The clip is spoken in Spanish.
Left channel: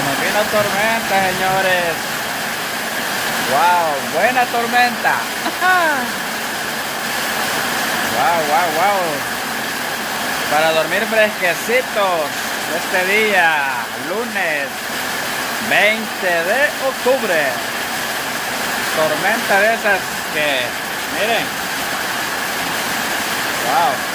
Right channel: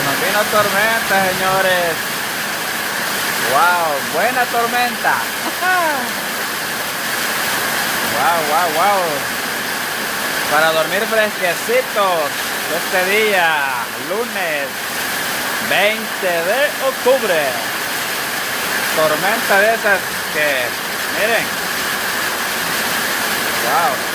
Se nos vino tormenta, señores. Wow, buena tormenta. Wow, wow, wow. Para dormir fresquecitos este día, lunes 20 de octubre. Tormenta de esas que, miren. Wow.